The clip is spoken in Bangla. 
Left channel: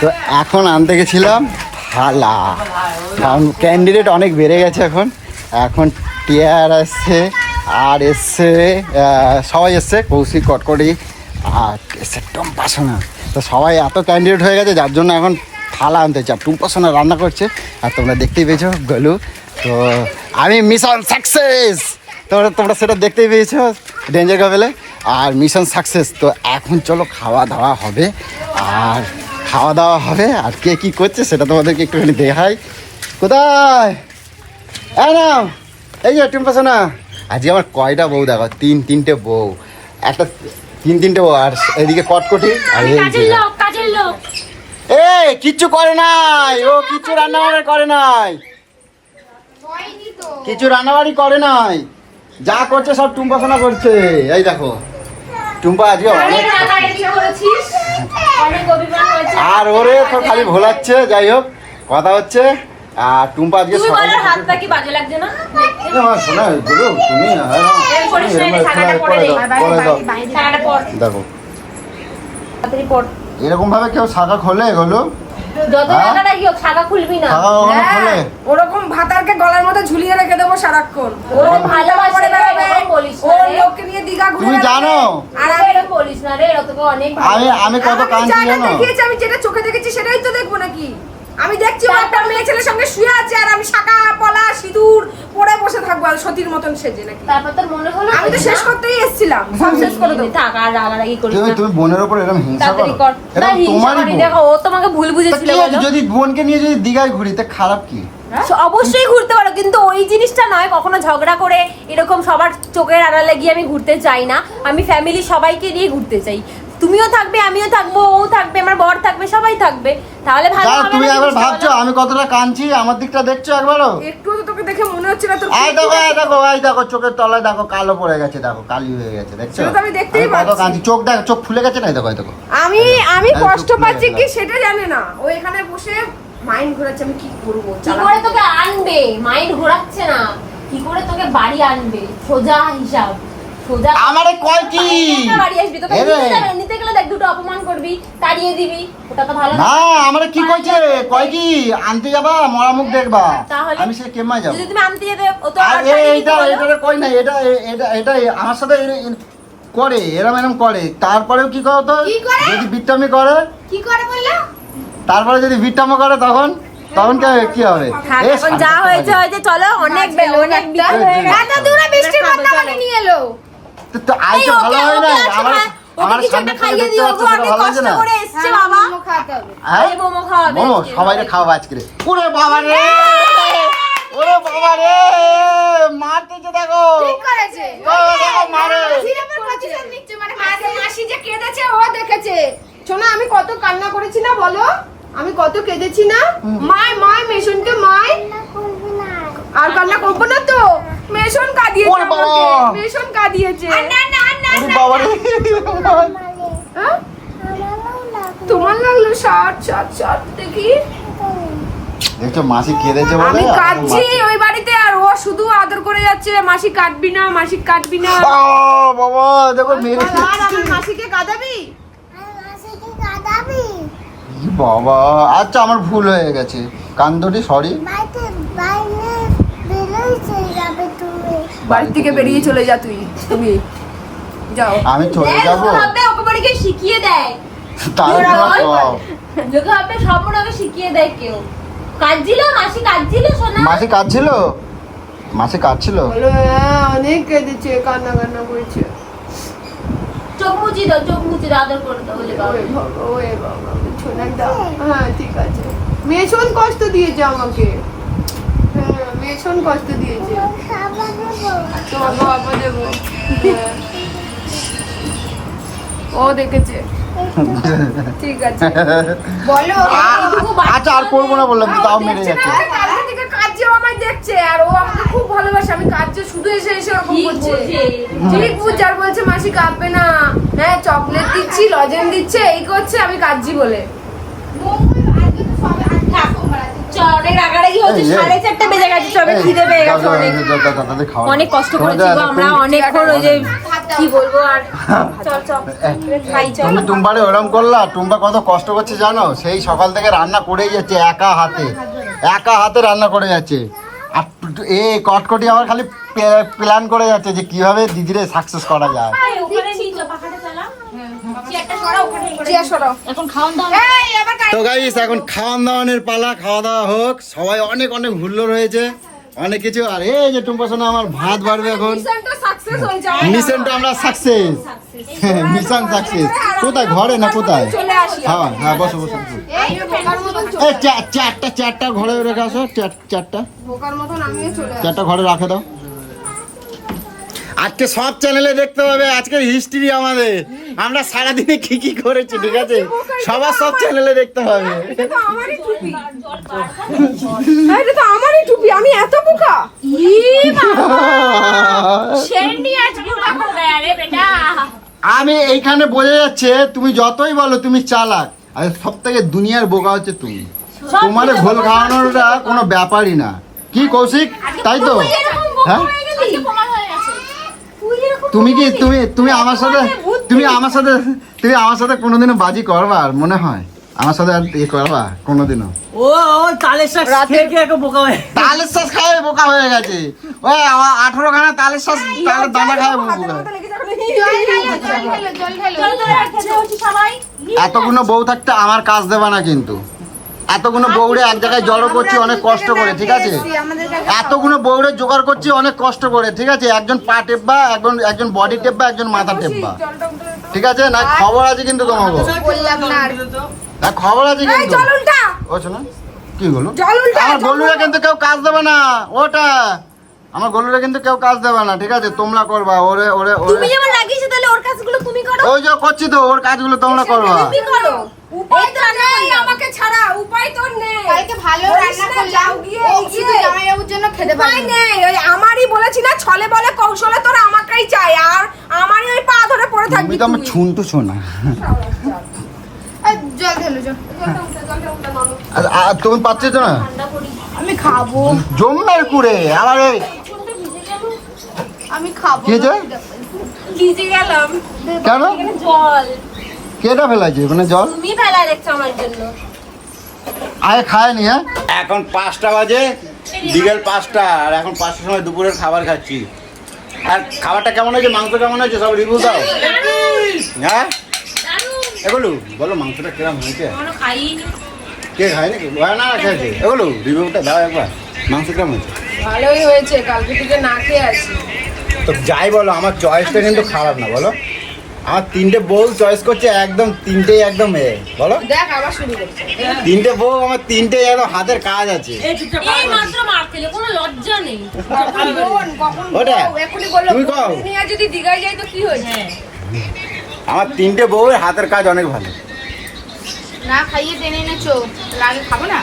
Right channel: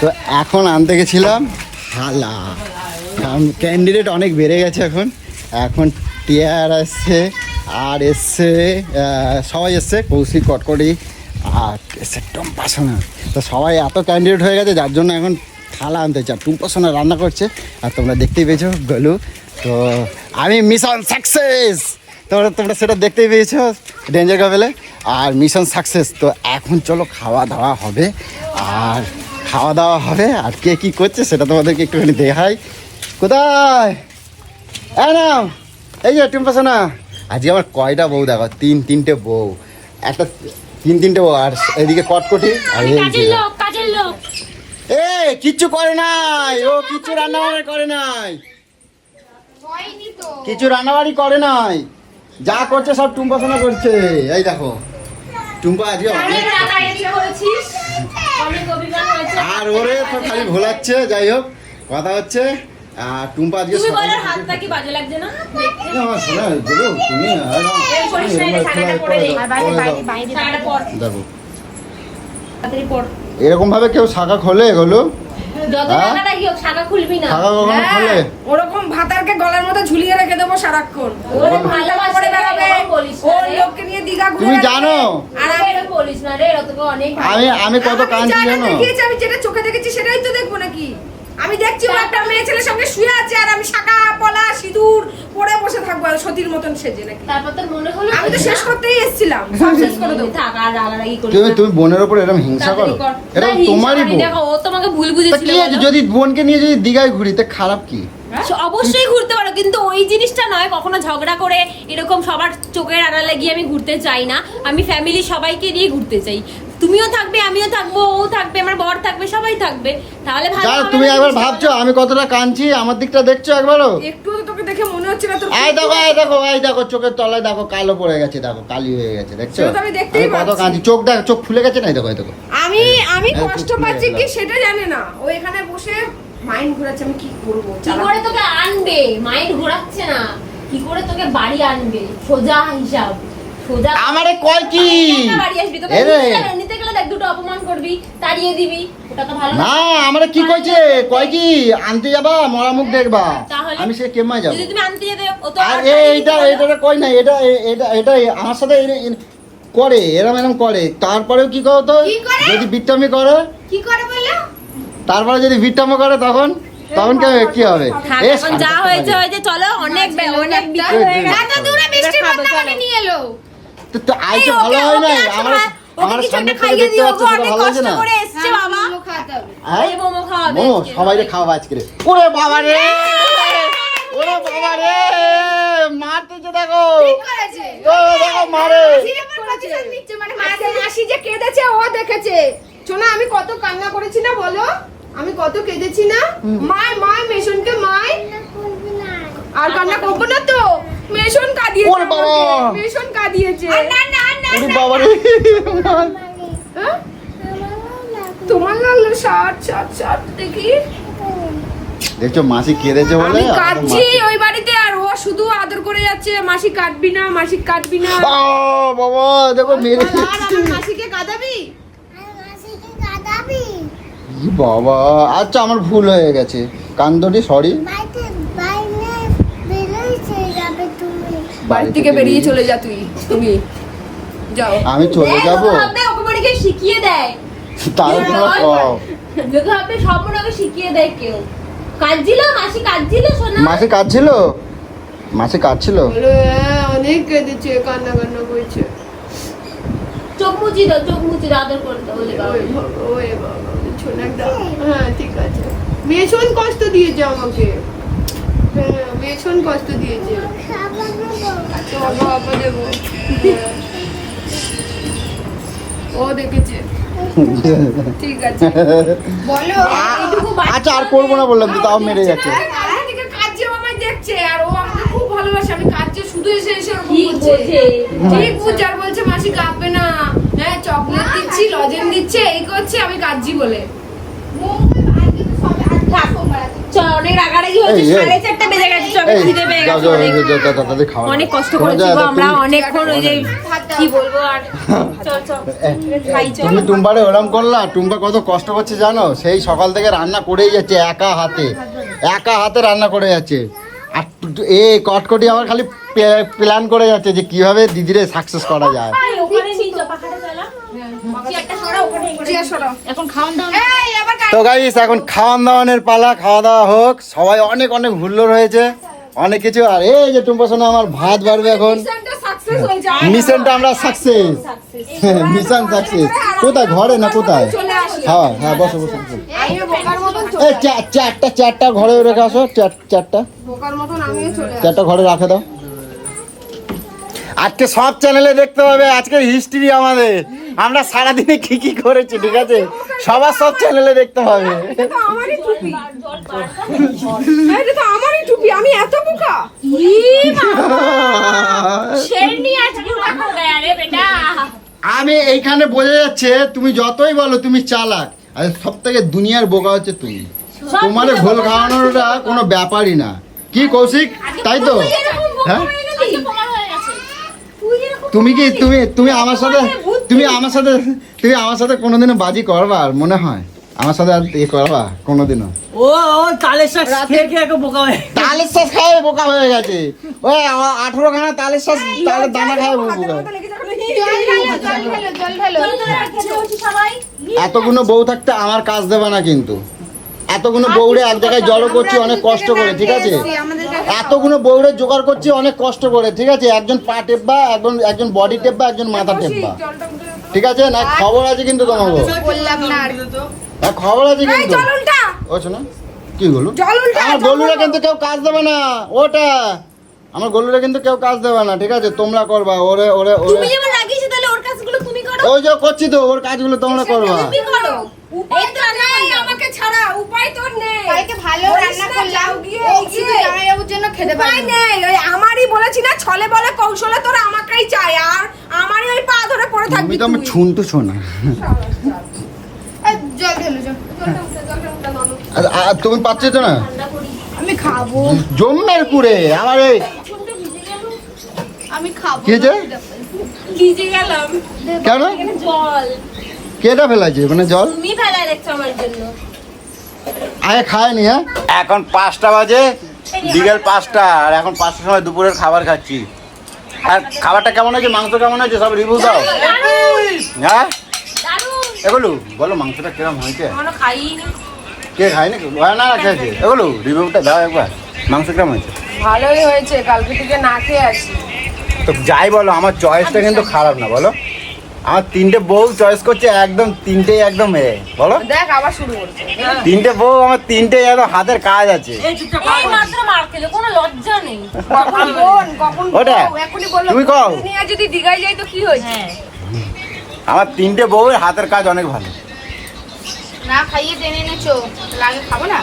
তো এখন আনতে গেছিলাম থালা। কারণ ক্যান্ডিডেট অনেক বেড়ে গেছে এখন। এখন টিয়ার এসছে আর এসছে সবাই এসছে, কৌশিক, কটকটি, আর এসছে টম্পাসোনা। তো সবাই এত ক্যান্ডিডেট হয়ে গেছে, যার জন্য এখন থালা আনতে চাই। টুম্পাসোনা রান্না করছে, আর তোমরা দেখতেই পেয়েছ গলু। তো আমি মিশন সাকসেস তোমরা তোমরা সেটা দেখতেই পেয়েছ। ডেঞ্জার কাপেলে আর মিশন সাকসেস তো এখন চলো খাওয়া দাওয়া হবে। আর খাওয়া দাওয়া হবে আর কে কি করছে সেটা তোমাদেরকে একটুখানি দেখাই। কোথায়? এই যে টিম্পাসো না আজকে আমার কয়টা বউ দেখো? তিন তিনটে বউ। একটা তিন তিনটে বউ আর এদিকে কটকটি আর এই যে। এ কিচ্ছু করে নাই। ও কিচ্ছু রান্না বান্না করে নাই। কিছু রান্নাবাড়ি করে নাই। যা করছে সব টুম্পা সোনা করছে। এই দেখো। টুম্পা আজকে অনেক আর ওরে তো খালি ভোলাচ্ছে যাই হোক কথা হচ্ছে আর টুম্পা আজকে দেখো। এরকম ভাবে কেউ শাখা খোলে এগুলো? যত হ্যাঁ? হ্যাঁ, ওরকম ভাতারকে গলার মধ্যে ঝুলিয়ে রেখে দেবো সারাক্ষণ। করে এরকম বলিস ওর লোককে নিয়ে দীঘা ঘুরে তুমি জানো? আর আমি এরকম বলিস না রে এরা তোকে অনেক কত জানো? দেখিয়েছে আমি যেটা চোখে দেখেছি সেটাই তো দেখব নাকি? আমি দেখছি ওর একটা মেয়ে ছেলের সঙ্গে শুয়ে আছে আর আমি শাখা পলা সিঁদুর পরে বসে থাকব আর সতীর মতন সেজে নাকি? তারপর তোর মনে হলো আমি তো শেষ করতেই এসেছিলাম। সব শেষ করে দেবো। থাক আর রাগারাগি করিস তুমি না। তুমি বোনের উপর এরকম হিংসা করো? হিংসা করি দেখো ও তোমাকে ভুল তা বুঝেছিল যদি বোনকে নিয়ে যদি দীঘায় ঘুরি তা খারাপ কি? অবশ্যই ঘুরতে পারো কিন্তু ওই জিনিসটা নয় কখনো ঝগড়া করে এরকম সবার চোখের আড়ালে গিয়ে আমি ঘুরতে চাই না। আমি ফ্যামিলি সবাইকে নিয়ে ঘুরতে চাই। তুমিও থাকবে আমিও থাকব ও থাকবে আমার বর থাকবে সবাই থাকবে। তাহলে ভালো হবে তুমি একবার ভাবছ আমি কতটা কাঁদছি আমার দিকটা দেখছ একবারও? একটু তো তোকে দেখে মনে হচ্ছে না তোর এই দেখো এই দেখো এই দেখো চোখের তলায় দেখো কালো পড়ে গেছে দেখো কালি হয়ে গেছে দেখছ? সেটা তো আমি দেখতেই পাচ্ছি। কাঁদছি চোখ দেখো চোখ ফুলে গেছে না দেখো দেখো। আমি আমি কষ্ট পাচ্ছি কি। সেটা জানে না। ও এখানে বসে মাইন্ড ঘোরাচ্ছে আমি কি করব? কি করে তোকে আনবে? মাইন্ড ঘোরাচ্ছে না। কি করে তোকে বাড়ি আনবে? সোজা হিসাব। সোজা আমারে কয় কি? বাড়ি আসবি তোকে নিতে গেলে দেখ দুটো অপমান করবি তাড়িয়ে দিবি। ওটা তো ভালো না আমারে কি কইছে? কয় কি? আনতে যাবা? মরা মুখ দেখবা? তাহলে? আমি সে কেমাই যাব? যদি তুমি আনতে যেতে ও তো আর এইটা এটা কই না। এটা এটা এটা আমার সাথে করে এরম এরম করে। তারপরেও কি করো তো কি করে? যদি বিট্টামি করে? কি করে বলল? তারপরে যদি বিট্টামি করে তখন তখন কি হবে- কি হবে? এখন যা হয়েছে হয়েছে চলো অনেক অনেক বিকেল হয়ে গেছে। এত দূরে বৃষ্টির মধ্যে নিয়ে এলো। তো- ভালো হয় না আমার আমার সামনে খাইয়ে দিও গো অনেক কষ্ট করে এসছে বাবা। খাওয়াতে হবে। হ্যাঁ? এই মোমো খাওয়াবে মোমো, আজকে। সবাইকে খাওয়াবো আজকে ওরে বাবা রে ওরে বাবা রে মারতেছে দেখো। ঠিক করেছে। ও, দেখো মারে। মাসির উপর প্রতিশোধ নিচ্ছে, মানে মাসি- মাসি যে কেঁদেছে ও দেখেছে। শোনো আমি কত কান্না করেছি না বলো? আমি কত কেঁদেছি না? মায় মায় মেশনকে মায়। আর কান্না করব না তো? মেশন কাঁদিয়েছে আমাকে। হ্যাঁ? তোমার লাগল শার্ট শার্ট শার্ট দেখি। দেখছ মাসি কেঁদেছে আমি মাসি- ওই বাড়িতে আর ও শুধু আদর করে যাচ্ছে মাসি কাটবি না মাসি কাটবি না। বাবা দেখো মেরে আর আমার মাসিকে কাঁদাবি? বাবা আচ্ছা আমার ভুল হয়ে গেছে। কান্দটি সরি বাড়ি থেকে বেরিয়ে চলে যা তুই তুমি। যাও। আমি চলে যাব? ভাববে ওকে বাড়ি শিখিয়ে দেয়। যদি ভাববে সব মনে ওকে শিখিয়ে দেয় কেউ। কাঁদছিল? মাসি কাঁদছিল শোনা মাসি হ্যাঁ অনেক কেঁদেছে কান্না কান্না করছে। চোখ মুচি দাও চোখ মুচি আদর করে দাও। ওই বাবা ছোনাকটা হ্যাঁ ঠিক আছে। মেশন কষ্ট দিয়েছে আমাকে। মেশন কষ্ট দিয়েছে। বাবা দেবো। ও দেখেছে। ঠিক আছে। বলো। আচ্ছা আর করব না বললাম তাও মেরে যাচ্ছে। কালকে থেকে কাজেও আমায় দেখছে আর ও আমাকে খুব ভালোবাসে। আমি কাজে শুধু এসে এসে ওরকম ঠিক করছে। ঠিক বুঝছে আর বলছে মাসি কাঁপবে না। হ্যাঁ চকলেট দিচ্ছি লজেন দিচ্ছে এই করছে আমি কাজজি বলে। চল অনেক রাগারাগি হয়েছে এই, এই। সাড়ে চারটে বেজে গেছে সবে খিদে পেয়ে গেছে যাও, যাও, অনেক যাও, যাও, যাও, তাড়াতাড়ি খাও। অনেক কষ্ট করেছি গো আমরা অনেকক্ষণ ওই যে কি বলব আর চল চল। খাই চল। তুমি টুম্বারে ওরম করলা টুম্বা কত কষ্ট করছে জানো? সেই সকাল থেকে রান্না করেই যাচ্ছে একা হাতে একা হাতে রান্না করে যাচ্ছে। আর এই কটকটি আমার খালি প্ল্যান করে যাচ্ছে যে কীভাবে দিদিরে সাকসেস করা যায়। তো গাইস এখন খাওয়ান দাওয়ানের পালা খাওয়া দাওয়া হোক। সবাই অনেক অনেক হুল্লোড় হয়েছে। অনেক কিছু। আর এই যে টুম্পা সোনা আমার ভাত বাড়বে এখন। মিশনটা হয়ে আমরা সাকসেস মিশন সাকসেস কোথায়? ঘরে না কোথায়? হ্যাঁ হ্যাঁ বসো বসো এই চারটা চারটা ঘরে রেখে আসো চার- চারটা। বোকার মতন আমিও চলে আসি চারটা ঘরে রাখে দাও। আজকে সব চ্যানেলে দেখতে হবে। আজকের হিস্ট্রি আমাদের। আমরা সারাদিনে কি কি করেছি ঠিক আছে? সবার সব চ্যানেলে দেখতে হবে। আমারই টুপি এই, এটা তো আমারই টুপি আমি এত বোকা। আমি এইখানে বোঝা যাচ্ছে তুমি যতই বলো তুমি চালাক আর সব থেকে দুনিয়ার বোকা হচ্ছে তুমি। তোমার ঘোল খাওয়ানোটা কোনো ব্যাপারই না। কি কৌশিক? তাই তো? হ্যাঁ? হয়ে তুমি কি তুমি তুমি আমার সাথে তুমি আমার সাথে তুমি আমার সাথে কোনোদিনও বাজি করবা আর মনে হয় আমার সাথে আর ইয়ে করবা কোনোদিনও ও ও তালের শাক খেয়ে খেয়ে একে বোকা হয়ে তালের শ্বাস খায় বোকা হয়ে গেছে ও আমার আঠেরো খানা তালের শ্বাস তালের দানা খায় বোকা এতগুলো বউ থাকতে আমার কাজ দেবা না কিন্তু এতগুলো বউরে এক জায়গায় জড়ো করছি অনেক কষ্ট করে ঠিক আছে? এতগুলো বউরে জোগাড় করছি অনেক কষ্ট করে ঠিক আছে? একজন পা টেপবা একজন একজন বডি টেপবা একজন মাথা টেপবা। ঠিক আছে? না খবর আছে কিন্তু তোমাকে বললাম না খবর আছে কিন্তু। ও শোনো কি বলো আমার গলুরা কিন্তু কেউ কাজ দেবে না ওটা। আমার গলুরা কিন্তু কেউ কাজ দেবে না ঠিক আছে? তোমরা করবা ওরে ওরে ওরে। ওর কাজগুলো তুমি করো। ওই যে করছি তো ওর কাজগুলো তোমরা তুমি করো? উপায় তো তো নেই আমাকে ছাড়া উপায় তো নেই। কালকে ভালো বলিস রান্না না, করলাম। গিয়ে এই যে। জামাইবাবুর জন্য খেতে নেই ওই আমারই বলেছি না ছলে বলে কৌশলে তোরা আমাকেই চাই আর আমারই ওই পা ধরে পড়ে তুমি থাকবি তো আমার। ছুনটু শোনা আর তুমি পাচ্ছ না? আমি খাব। জম্মের কুড়ে আমার এই চুলটা ভিজে গেল আমি খাব কি যে? ভিজে গেলাম। কেন? জল। কেটা ফেলাছে মানে জল? তুমি ফেলা রেখছো আমার জন্য। আগে খায়নি হ্যাঁ? এখন পাঁচটা বাজে বিকেল পাঁচটা আর এখন পাঁচটার সময় দুপুরের খাবার খাচ্ছি। আর খাবারটা কেমন হয়েছে? মাংস কেমন হয়েছে? সব রিভিউ দাও। হ্যাঁ? এগুলো বলো মাংসটা কিরম হয়েছে? কে খায়নি? না না খেয়েছে এগুলো রিভিউটা দাও একবার। মাংস কেমন হয়েছে? ভালোই হয়েছে কালকে থেকে না খেয়ে আসি। তো যাই বলো আমার চয়েসটা কিন্তু খারাপ না বলো। আমার তিনটে বউ চয়েস করছে একদম তিনটেই একদম এ বলো। তিনটে বউ আমার তিনটে একদম হাতের কাজ আছে। ওটা? তুই কও। যদি দিঘায় যাই তো কি হয়েছে? হ্যাঁ। আমার তিনটে বউয়ের হাতের কাজ অনেক ভালো। না খাইয়ে টেনে এনেছো তাহলে আগে খাব না?